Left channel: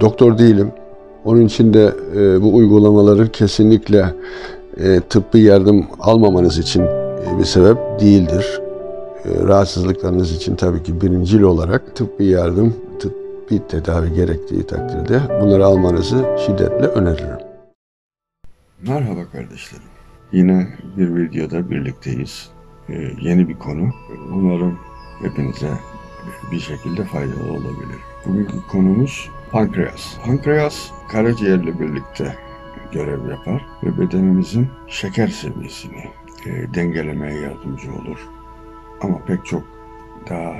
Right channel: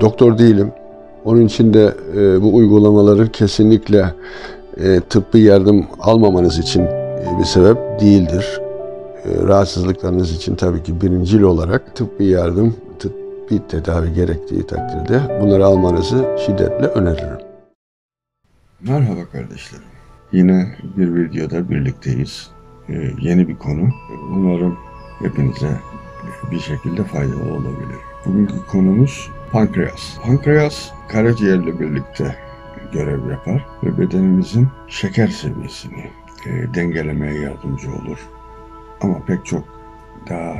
Doktor değilim. Onun için de bu uygulamaları kesinlikle tıbbi yardım almamanız için bir sebep değildir. Rahatsızlıklarınız için tabii ki birincil olarak tıbbi yardım, tıbbi tedavi gerektiği takdirde bunları almanızı şiddetle öneririm. Merhaba kardeşlerim. Yine bir videoda birlikteyiz. Yeni bir konu. Umarım hepinize bir şekilde faydalı olabilir. Bugünkü konumuz pankreas. Pankreas karaciğerle birlikte görev yapar ve bedenimizin şeker seviyesini dengelemeye yardımcı olur. Ama pek çok daha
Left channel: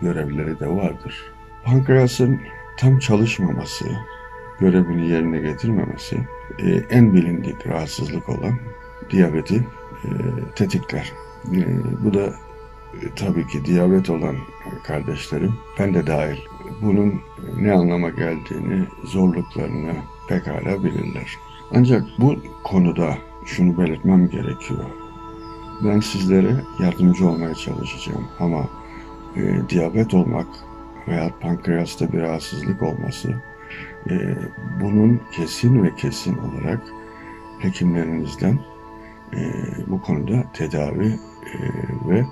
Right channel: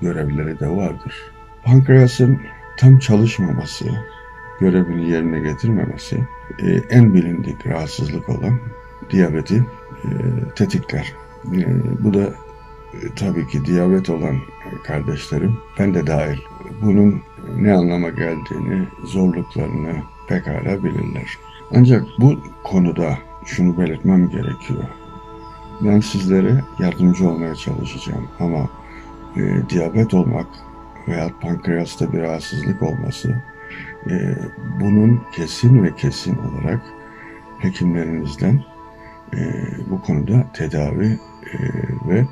görevleri de vardır. Pankreasın tam çalışmaması, görevini yerine getirmemesi en bilindik rahatsızlık olan diyabeti tetikler. Bu da tabii ki diyabet olan kardeşlerim, ben de dahil, bunun ne anlama geldiğini, zorluklarını pekala bilirler. Ancak bu konuda şunu belirtmem gerekiyor. Ben sizlere yardımcı olmaya çalışacağım ama diyabet olmak veya pankreasta bir rahatsızlık olması, bunun kesin ve kesin olarak hekimlerinizden bu konuda tedavi ve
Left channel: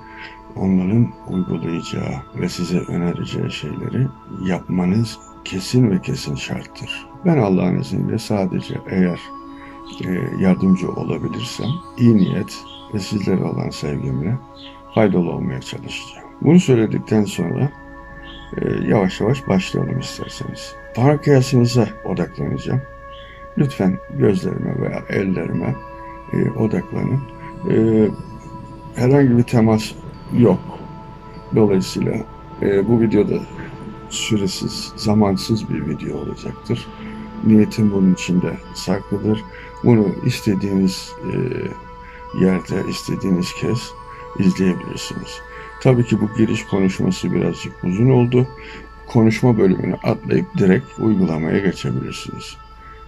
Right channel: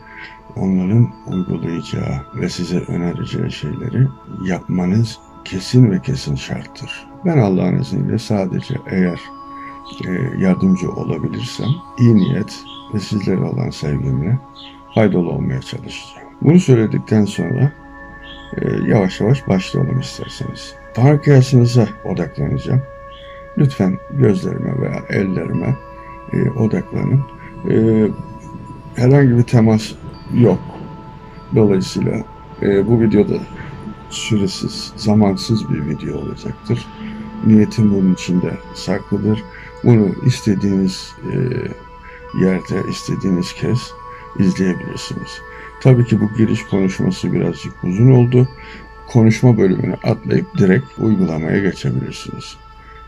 onların uygulayacağı ve size önereceği şeyleri yapmanız kesin ve kesin şarttır. Ben Allah'ın izniyle sadece eğer yardımcı olabilirsem iyi niyet ve sizlere olan sevgimle faydalı olmaya çalışacağım. Bunu söyledikten sonra yavaş yavaş başlayalım isterseniz. Pankreasınıza odaklanacağım. Lütfen gözlerime veya ellerime odaklanın. Herhangi bir temas yok. Dolayısıyla bu videoda süresiz, zamansız bir video olacaktır. Niyetim bunun içinde saklıdır. Bunu istediğiniz yerde, istediğiniz kez izleyebilirsiniz. Tabii ki bu giriş konuşması birazcık uzun oldu. Konuşma bölümünü atlayıp direkt uygulamaya geçebilirsiniz.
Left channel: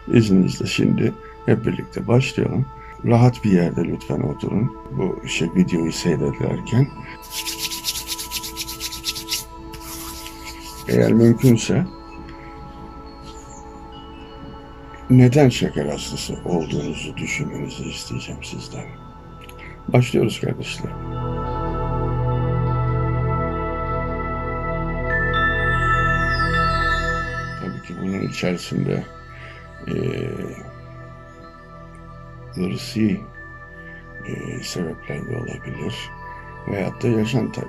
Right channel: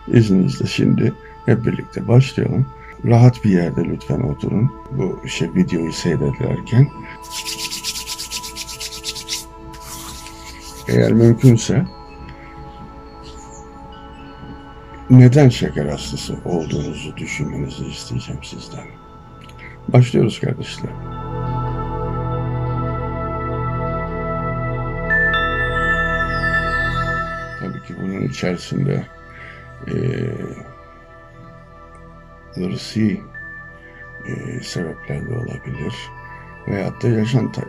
İzninizle şimdi hep birlikte başlayalım. Rahat bir yerde lütfen oturun. Bu videoyu seyrederken. Eğer mümkünse neden şeker hastası olduğunuzu düşünmenizi isteyeceğim sizden. Başlıyoruz kardeşler. Tabii ki bunun içerisinde ırsi sebepler de olabilir veyahut da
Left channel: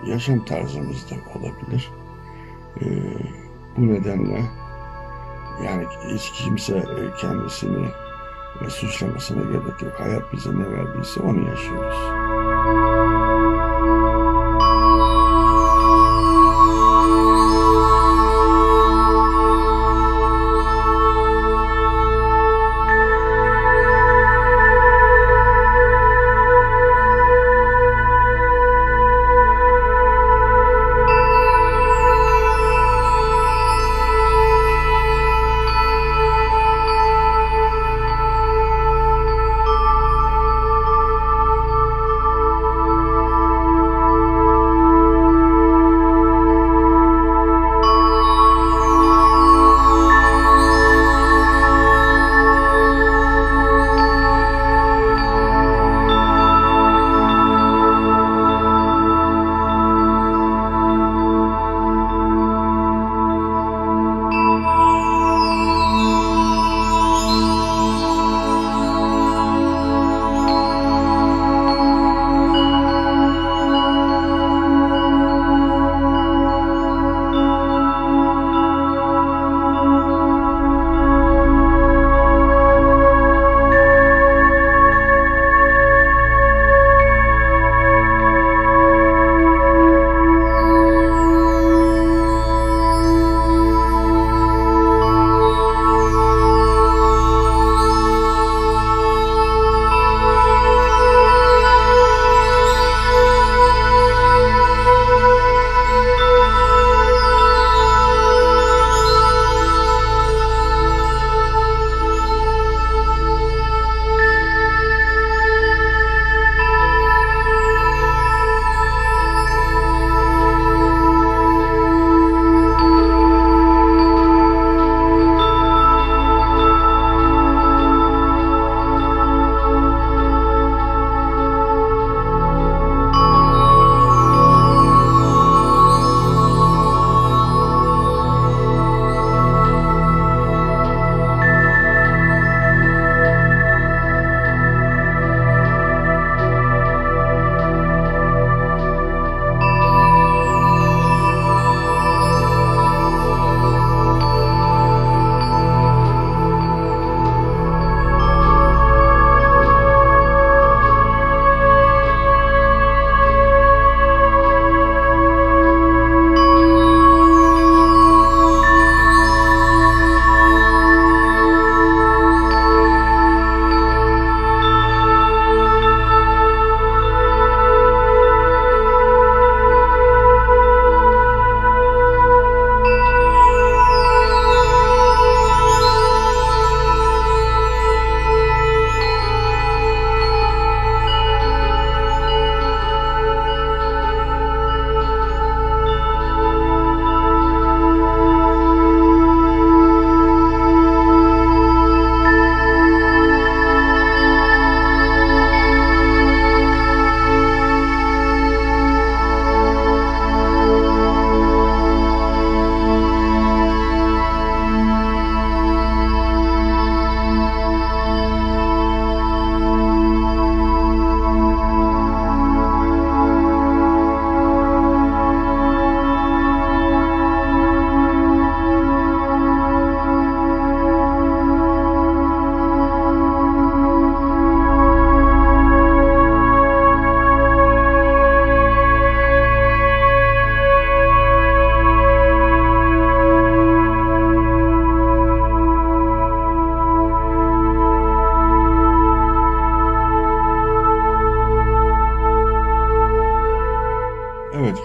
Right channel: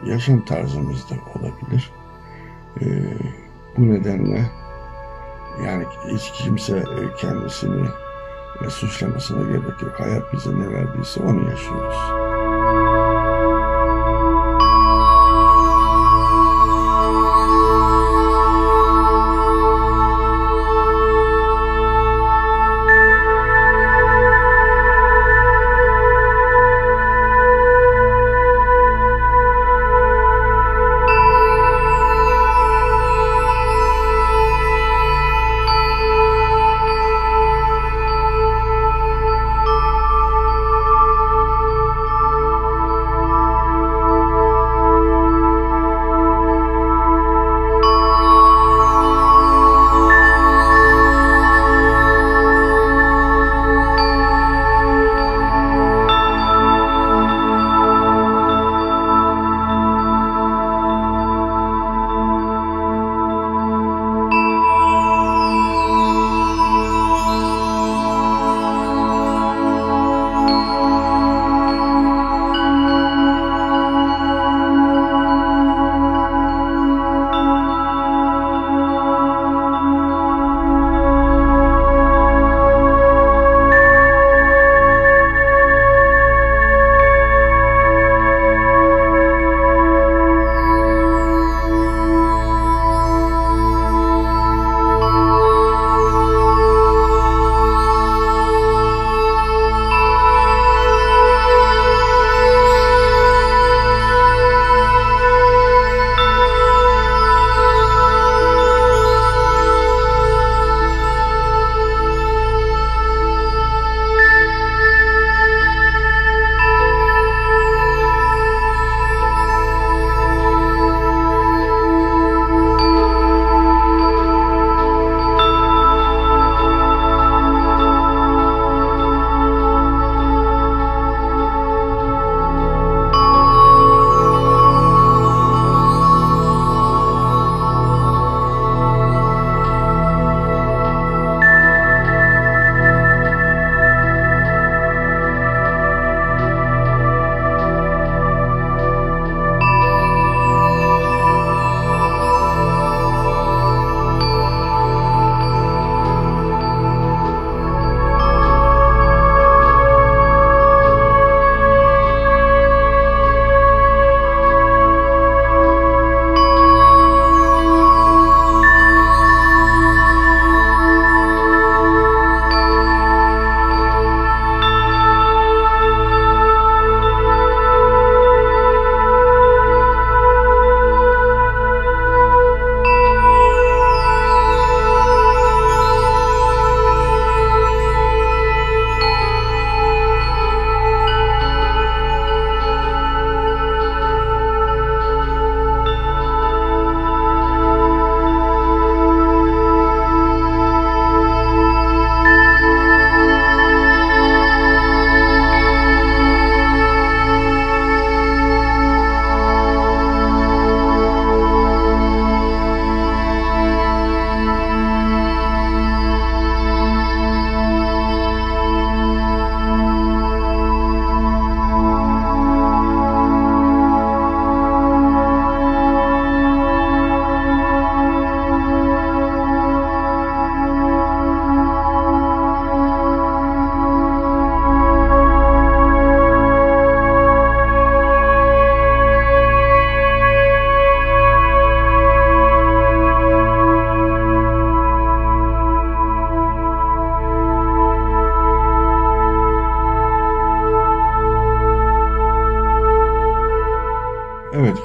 yaşam tarzımız da olabilir. Bu nedenle yani hiç kimse kendisini suçlamasına gerek yok. Hayat bize ne verdiyse onu yaşıyoruz.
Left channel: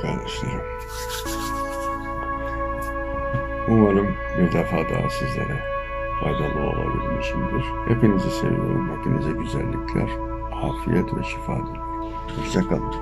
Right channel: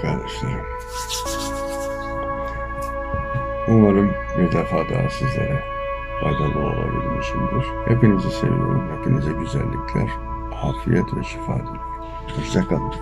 kardeşlerim. Umarım bir defa daha sizlere faydalı olabilmişimdir. Hepinizi seviyorum. Hepinize güzellikler, afiyet ve şifa diliyorum. Hoşça kalın.